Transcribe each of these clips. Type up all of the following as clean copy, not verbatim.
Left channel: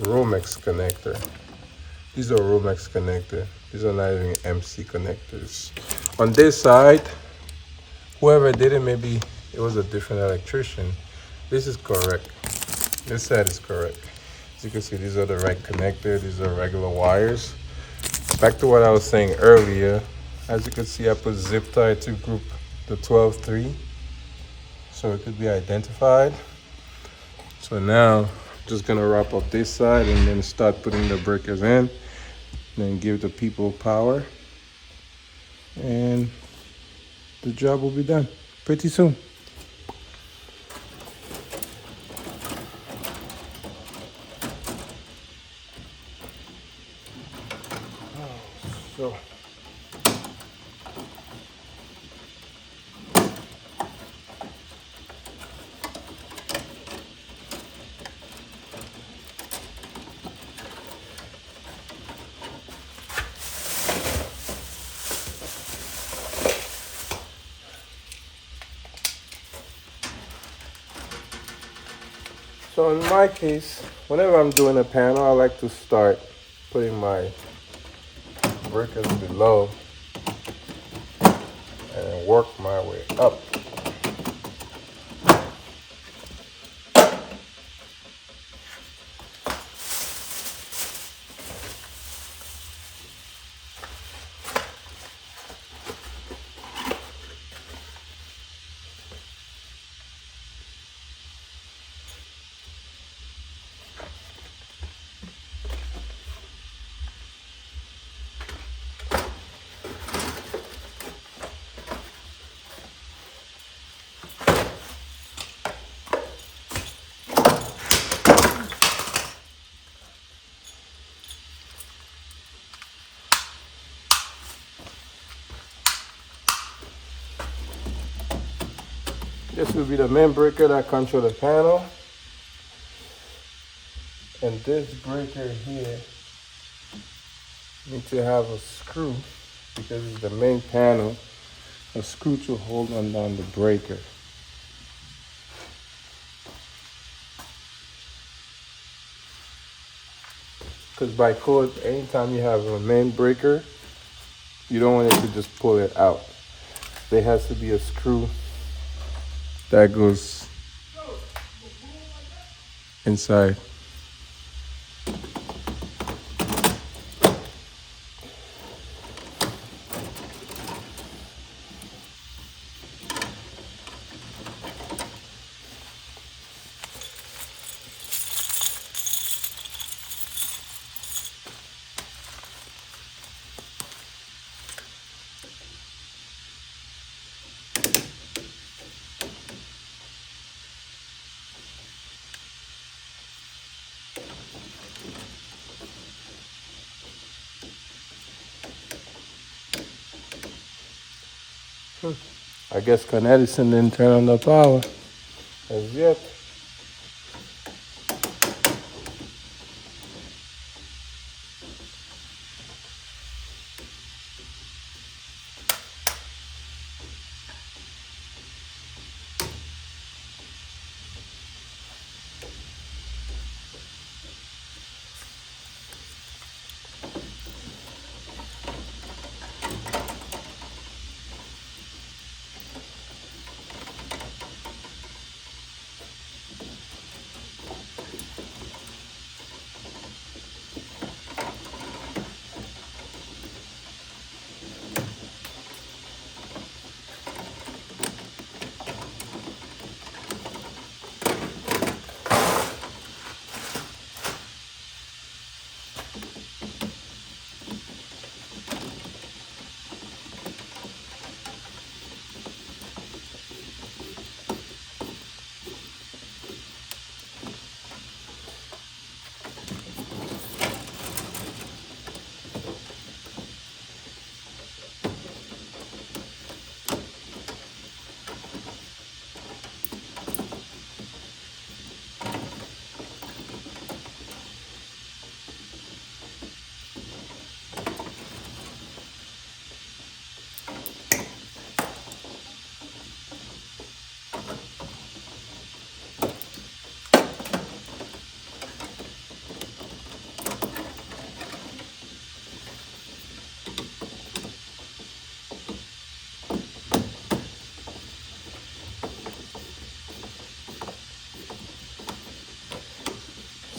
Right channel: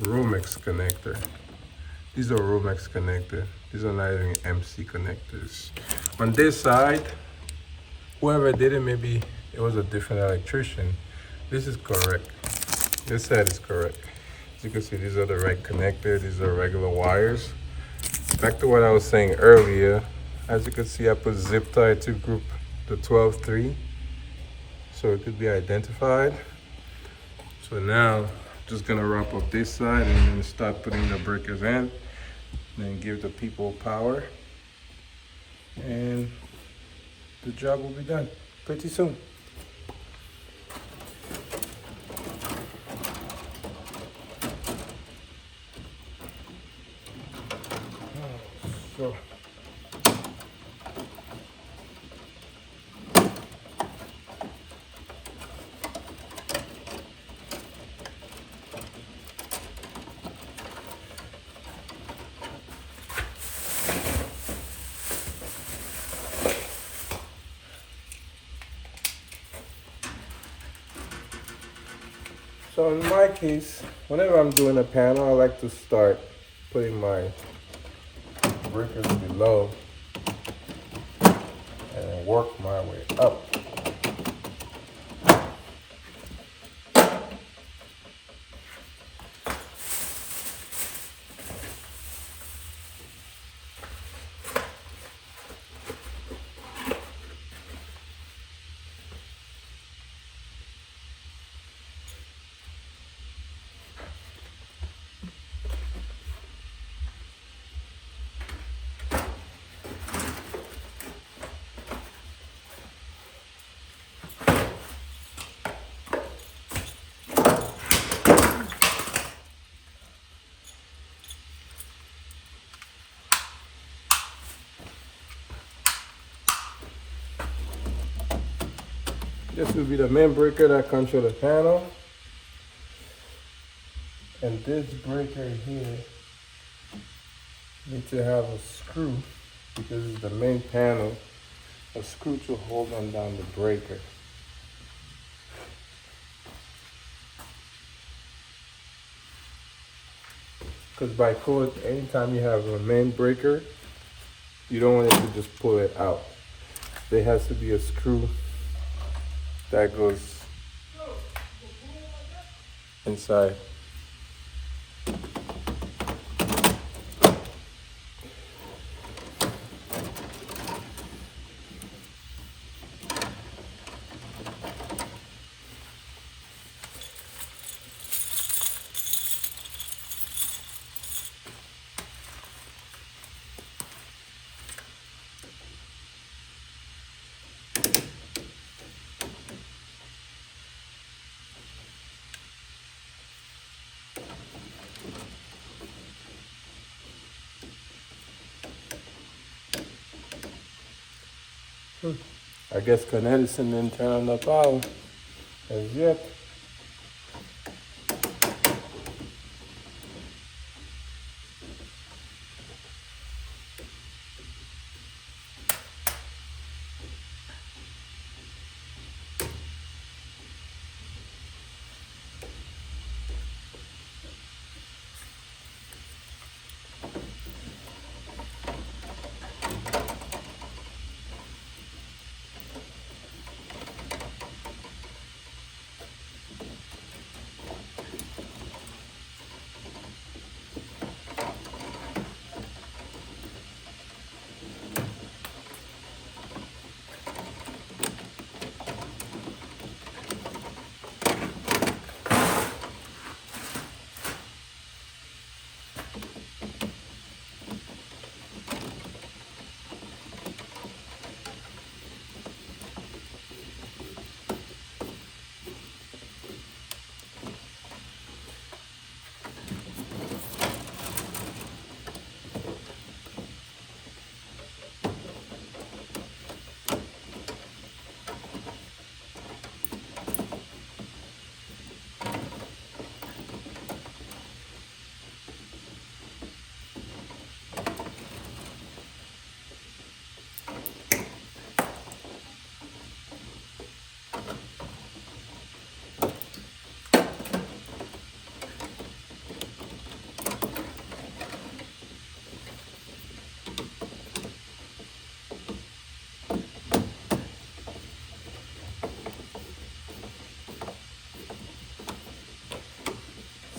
Romex connector. These are Romex connector. These are not even MC connectors. On this side, whoever did it, maybe it was a different electrician. This is correct. This side is correct. As you can see, these are the right connector. These are regular wires. Back to what I was saying earlier. As you can see, I put zip tie to group the 12-3, so it could be identified. So now, just gonna wrap up this side and then start putting the breakers in, then give the people power, and the job will be done pretty soon. So So in my case, whenever I'm doing a panel, I like to start putting my breakers below and work my way up. This will be the main breaker that controls the panel. And this breaker here needs to have a screw, because it's the main panel, a screw to hold on down the breaker. Because by code, anytime you have a main breaker, you don't want it to just pull it out. There has to be a screw that goes inside. I guess Con Edison didn't turn on the power as yet.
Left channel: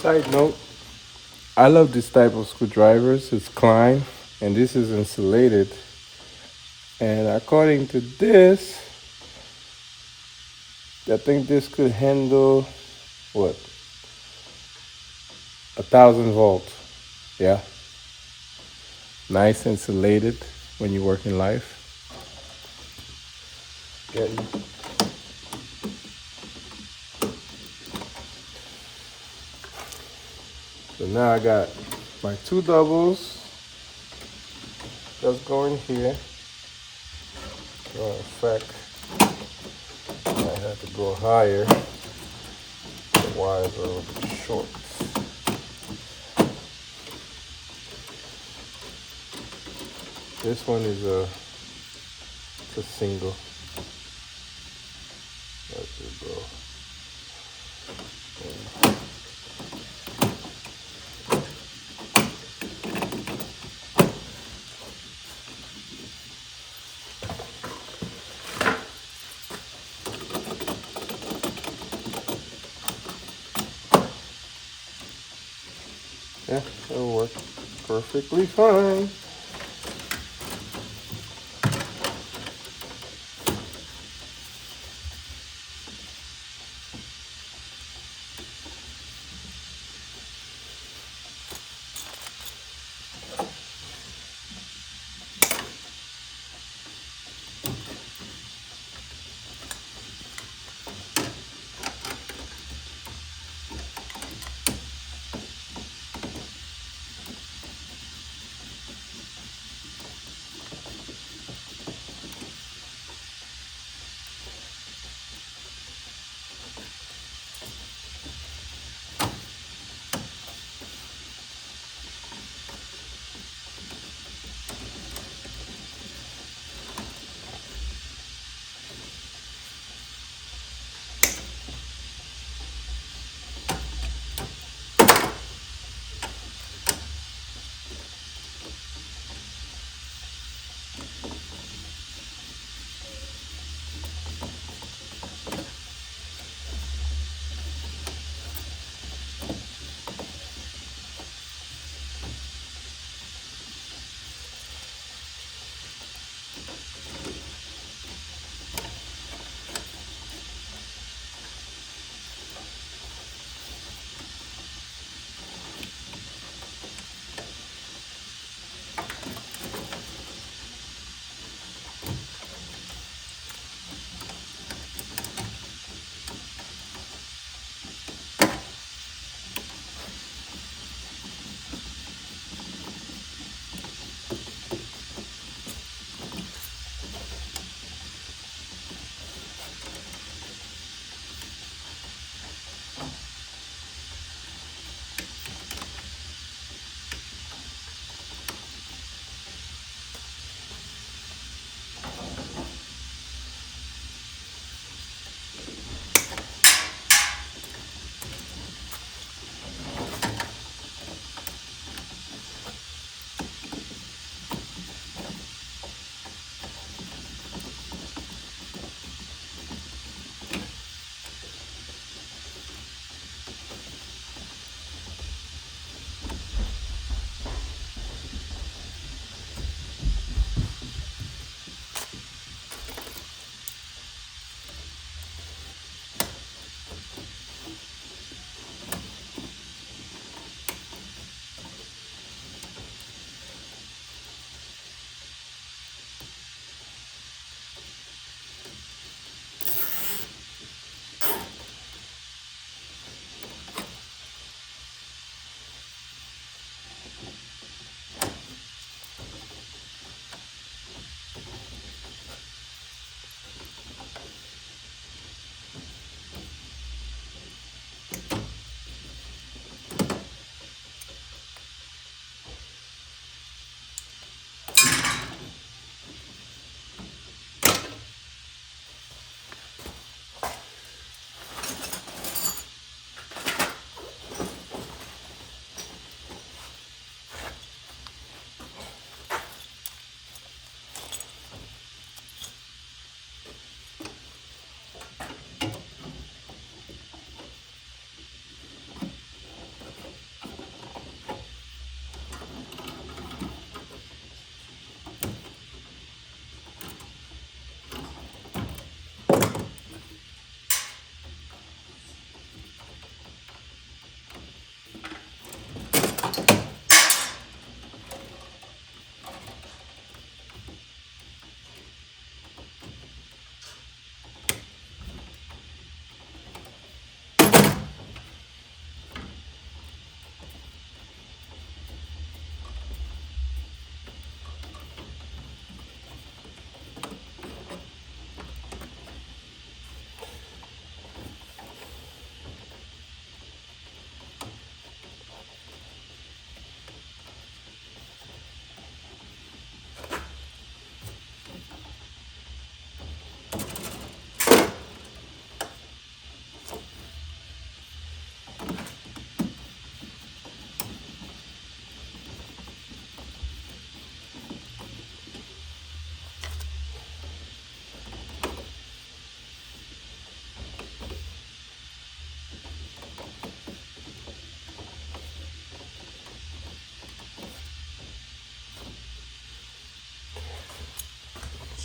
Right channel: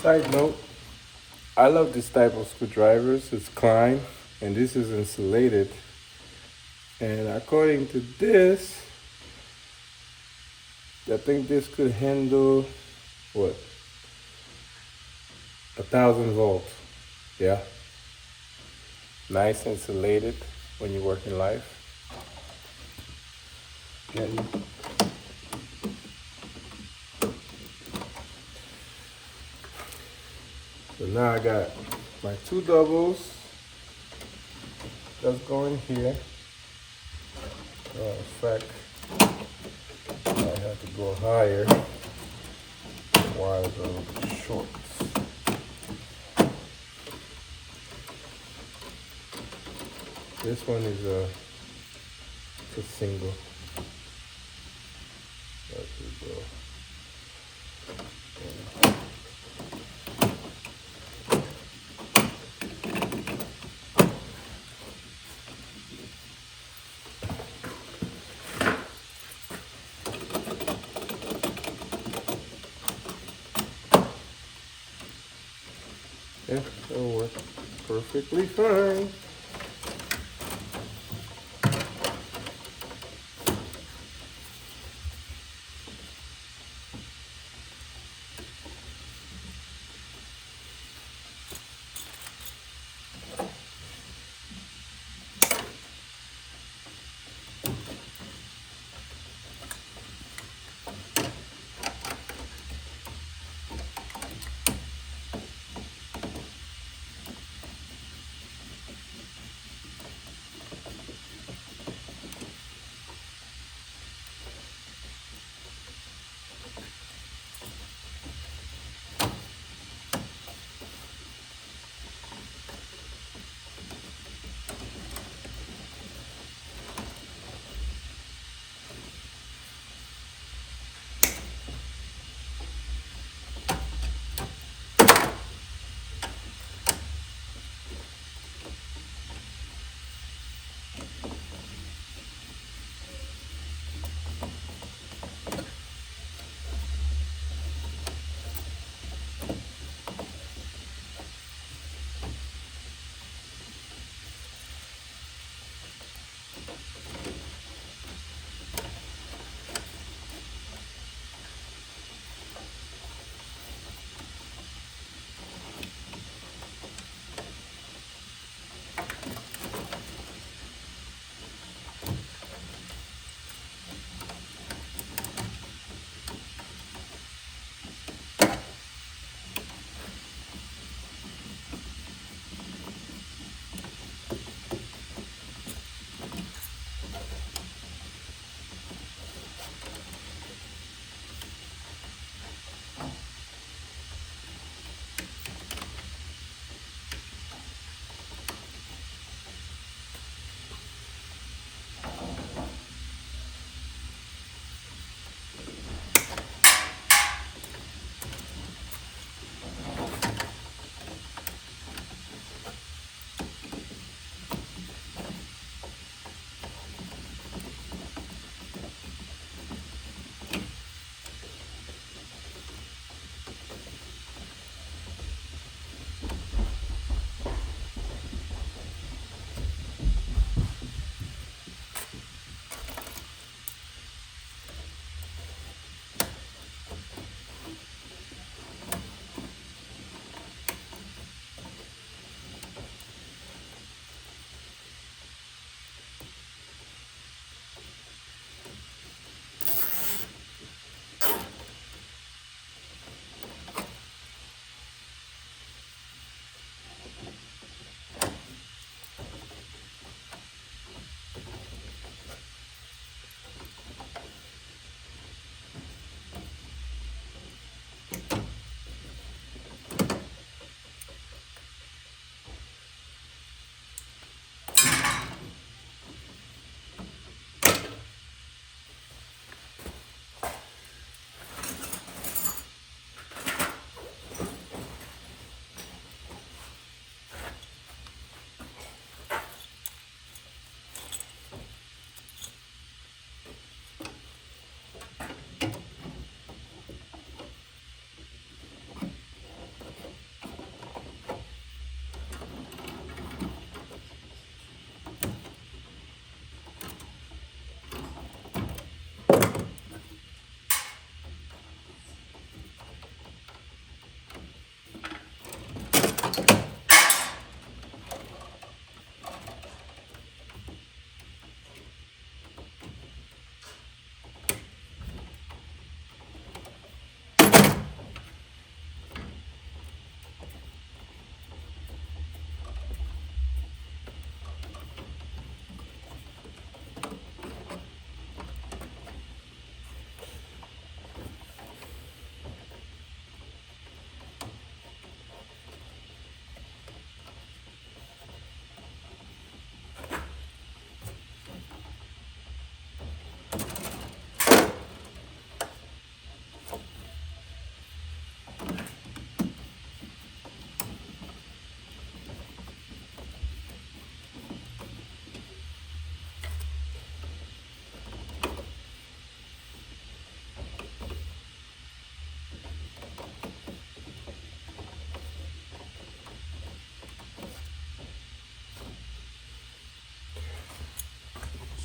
Side note, I love this type of screwdrivers. It's Klein, and this is insulated. And according to this, I think this could handle what? 1,000 volts. Yeah. Nice insulated when you work in life. Getting So now I got my 2 doubles. Let's go in here. In fact, I had to go higher. The wires are a little bit short. This one is a single. There we go. Yeah, it'll work perfectly fine.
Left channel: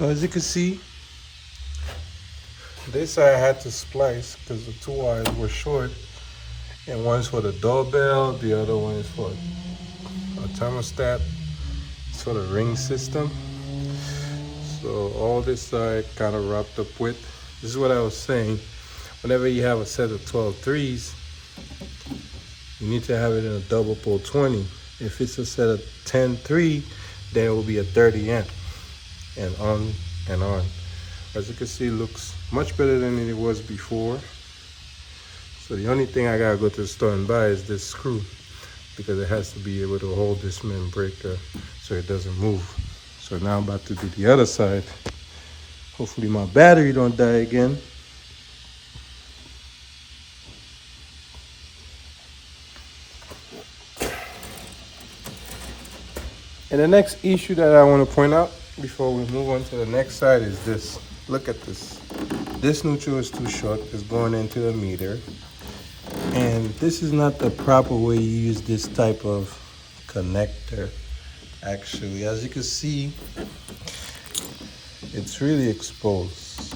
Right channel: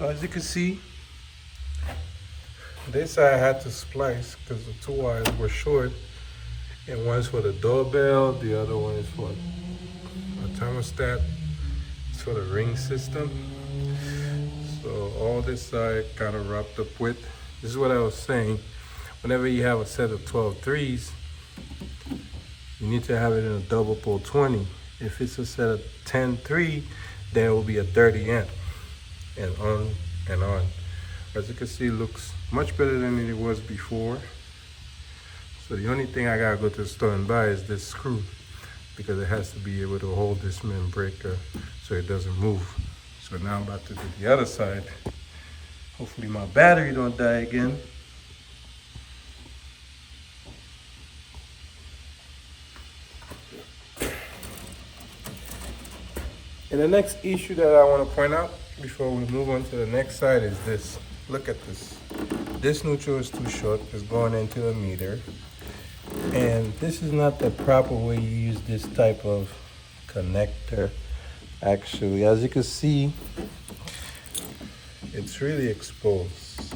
So as you can see, this I had to splice because the two wires were short, and one's for the doorbell, the other one is for a thermostat. It's for the ring system. So all this side kind of wrapped up with. This is what I was saying. Whenever you have a set of 12 threes, you need to have it in a double pole 20. If it's a set of 10 3, then it will be a 30 amp, and on and on. As you can see, it looks much better than it was before. So the only thing I gotta go to the store and buy is this screw, because it has to be able to hold this main breaker so it doesn't move. So now I'm about to do the other side. Hopefully my battery don't die again. And the next issue that I want to point out before we move on to the next side is this. Look at this. This neutral is too short. It's going into the meter. And this is not the proper way you use this type of connector. Actually, as you can see, it's really exposed.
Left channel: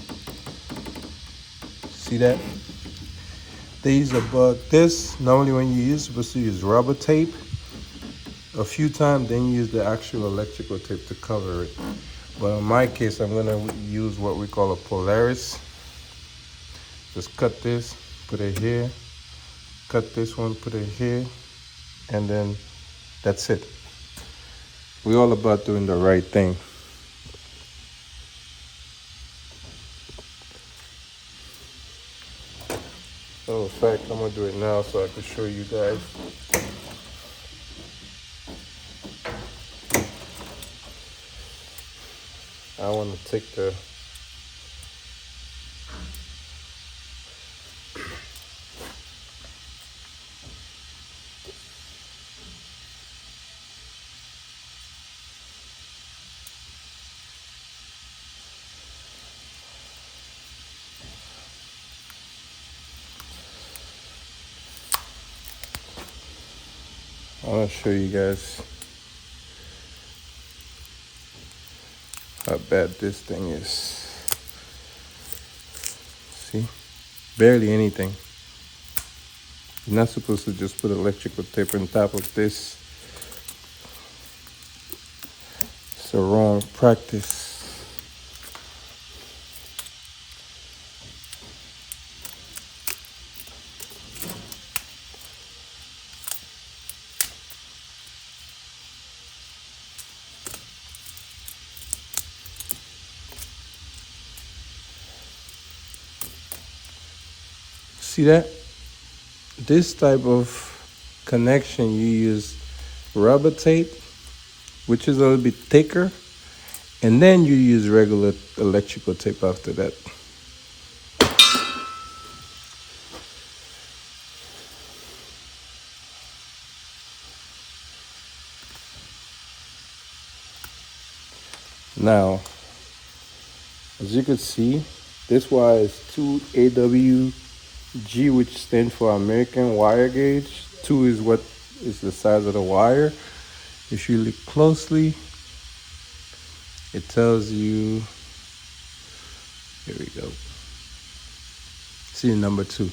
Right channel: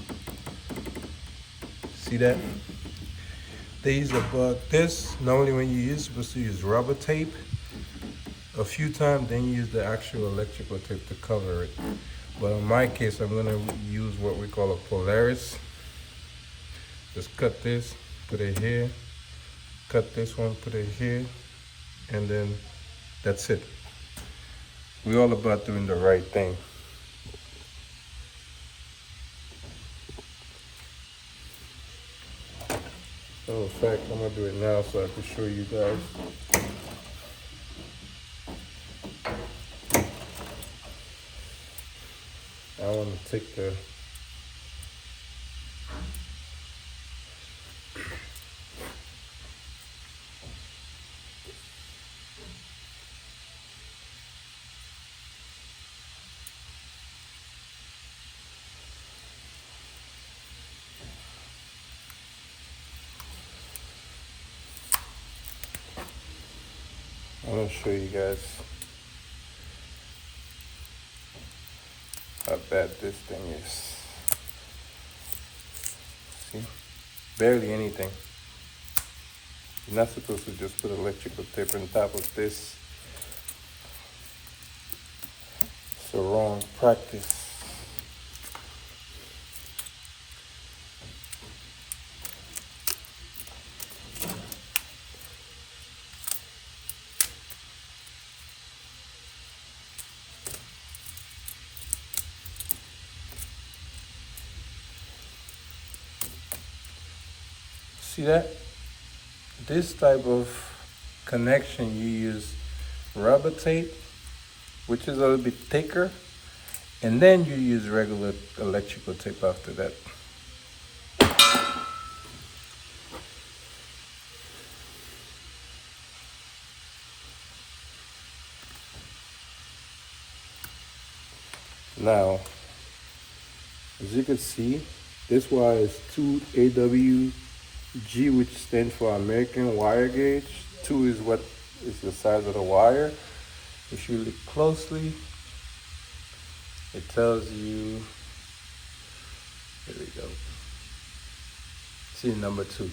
See that? They use this. Normally when you're supposed to use rubber tape a few times, then you use the actual electrical tape to cover it. But in my case, I'm gonna use what we call a Polaris. Just cut this, put it here, cut this one, put it here, and then that's it. We're all about doing the right thing. In fact, I'm gonna do it now so I can show you guys. I want to take the I want to show you guys how bad this thing is. See? Barely anything. You're not supposed to just put electrical tape on top of this. It's a wrong practice. See that? This type of connection, you use rubber tape, which is a little bit thicker, and then you use regular electrical tape after that. Now, as you can see, this wire is 2 AWG, which stands for American Wire Gauge. 2 is what is the size of the wire. If you look closely, it tells you, here we go. See number 2.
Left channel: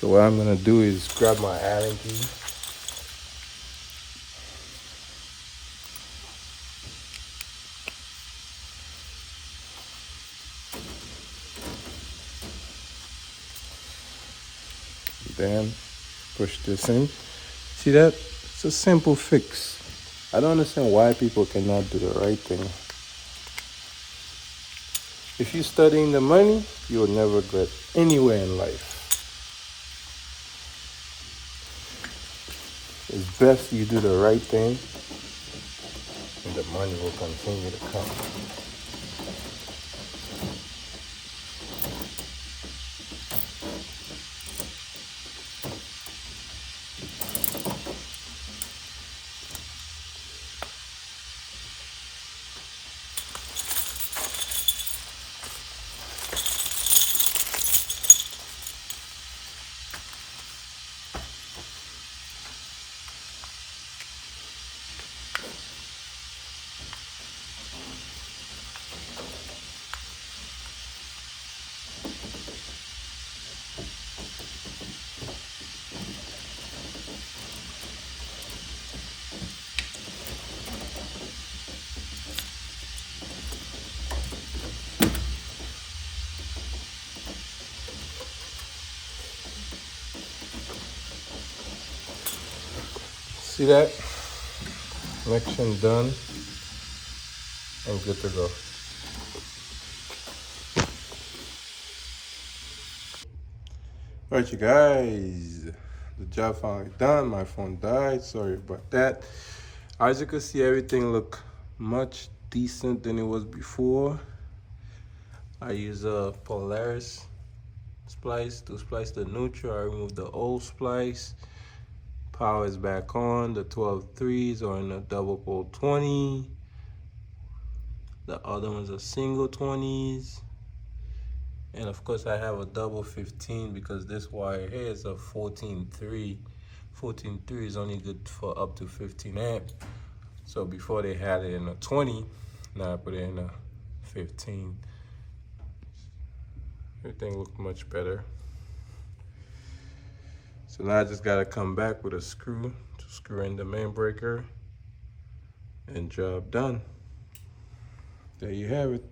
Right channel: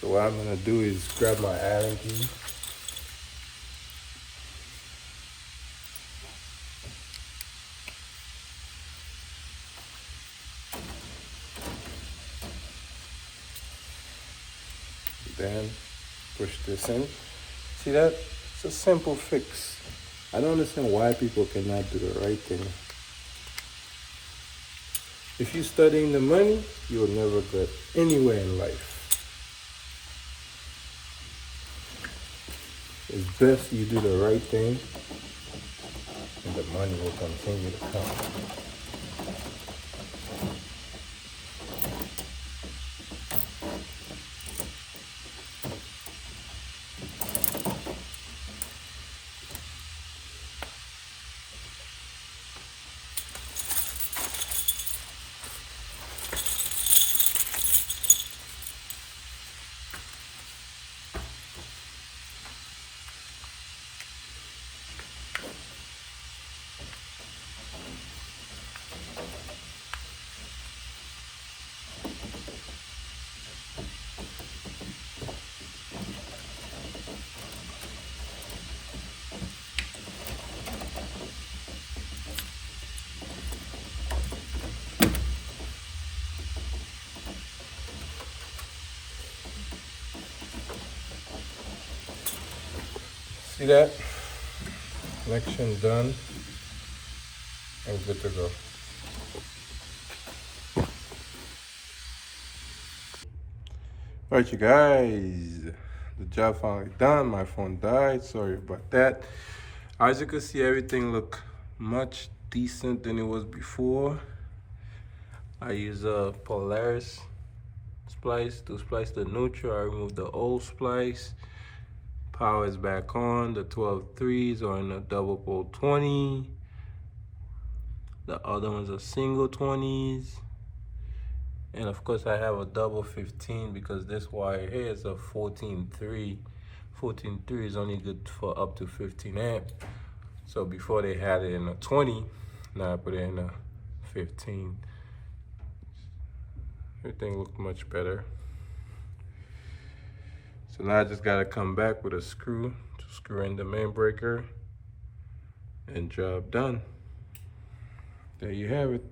So what I'm gonna do is grab my Allen key. Then push this in. See that? It's a simple fix. I don't understand why people cannot do the right thing. If you're studying the money, you'll never get anywhere in life. It's best you do the right thing, and the money will continue to come. See that? Connection done and good to go. Alright, you guys, the job finally done. My phone died, sorry about that. As you can see, everything look much decent than it was before. I use a Polaris splice to splice the neutral. I removed the old splice. Power is back on. The 12 threes are in a double pole 20. The other ones are single 20s. And of course I have a double 15 because this wire here is a 14.3. 14.3 is only good for up to 15 amp. So before they had it in a 20, now I put it in a 15. Everything looked much better. So now I just gotta come back with a screw to screw in the main breaker and job done. There you have it.